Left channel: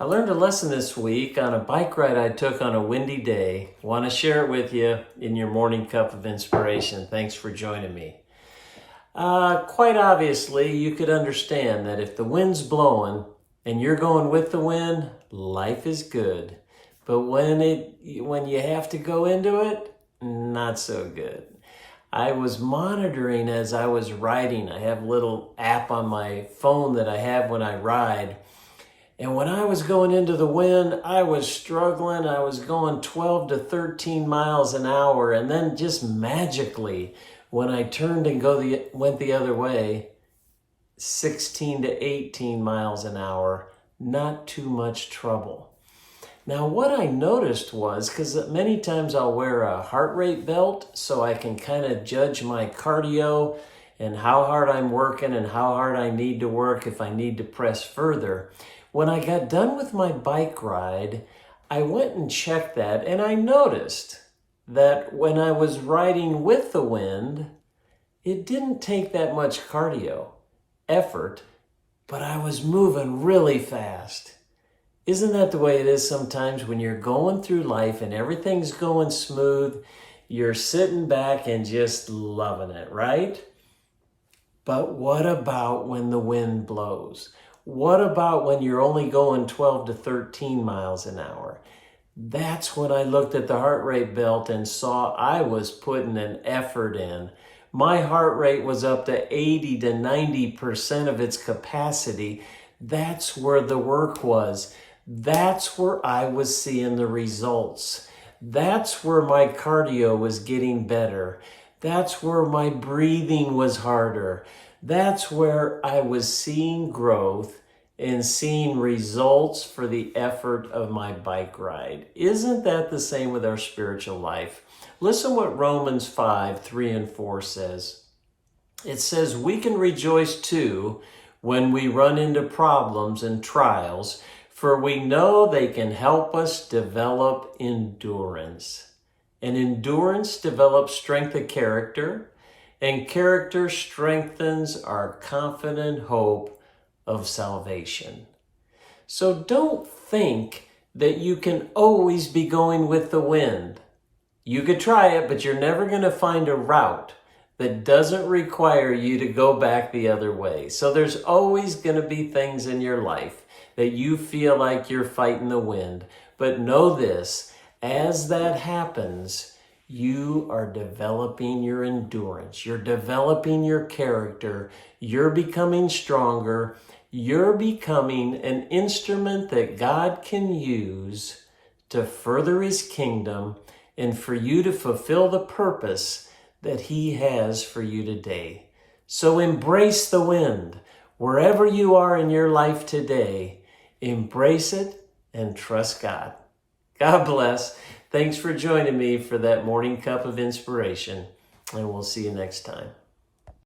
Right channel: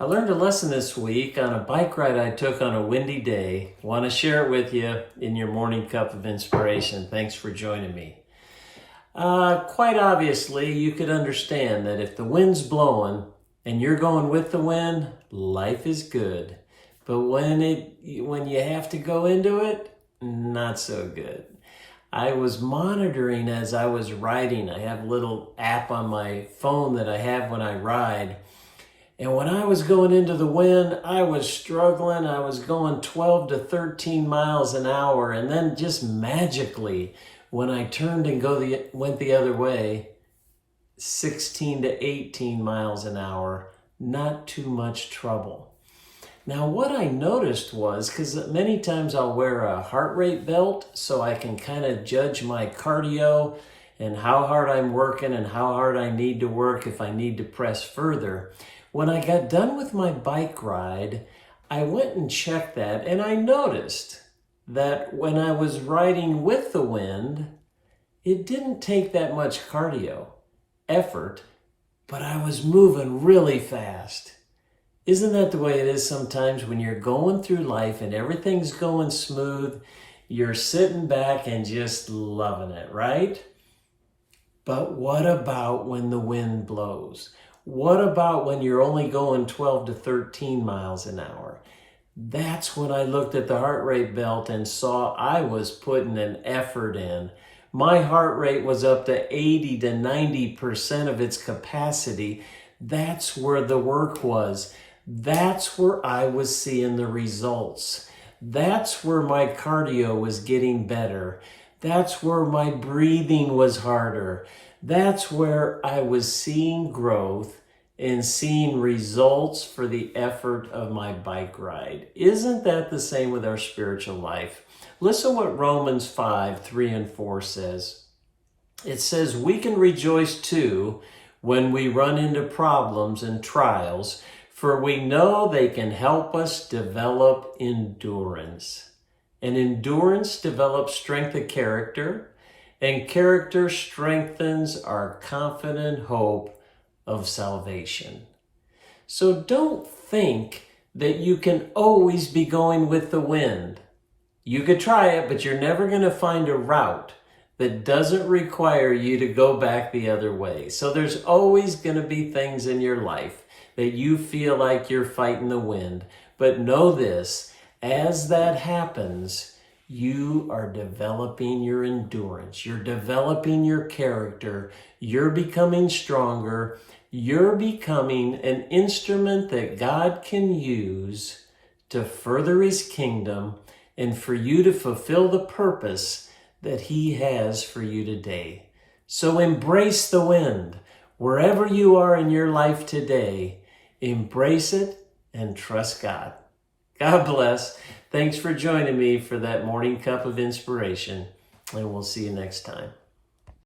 I learned a lesson this week on a bike ride I took on a windy day. Want to share it with you in your morning cup of inspiration. Thanks for joining me. Quite obviously, you could understand that if the wind's blowing and you're going with the wind, life is good. But when you have to go into it, not so good. I was monitoring as I was riding. I have a little app on my phone that I have when I ride. And when I was going into the wind, I was struggling. I was going 12 to 13 miles an hour. And then just magically, when I turned and went the other way, 16 to 18 miles an hour, not too much trouble. Now, what I noticed was, because many times I'll wear a heart rate belt so I can kind of judge my cardio and how hard I'm working and how hard I need to work if I need to press further. When I got done with my bike ride, I went and checked that, and I noticed that when I was riding with the wind, it didn't take that much cardio effort, but I was moving really fast. Isn't that the way it is sometimes when you're going through life and everything's going smooth? You're sitting back and just loving it, right? But what about when the wind blows? What about when you're only going 12 to 13 miles an hour? That's when I looked at the heart rate belt and saw I was putting an effort in. My heart rate was up to 80 to 90% of its capacity. That's where the work was. That's where I was seeing the results. That's where my cardio was getting better. That's where my breathing was harder. That's where I was seeing growth and seeing results for the effort of my bike ride. Isn't that the same with our spiritual life? Listen what Romans 5, 3 and 4 says. It says, we can rejoice too when we run into problems and trials, for we know they can help us develop endurance. And endurance develops strength of character, and character strengthens our confident hope of salvation. So don't think that you can always be going with the wind. You could try it, but you're never going to find a route that doesn't require you to go back the other way. So there's always going to be things in your life that you feel like you're fighting the wind. But know this, as that happens, you are developing your endurance. You're developing your character. You're becoming stronger. You're becoming an instrument that God can use to further His kingdom and for you to fulfill the purpose that He has for you today. So embrace the wind. Wherever you are in your life today, embrace it and trust God. God bless. Thanks for joining me for that morning cup of inspiration, and we'll see you next time.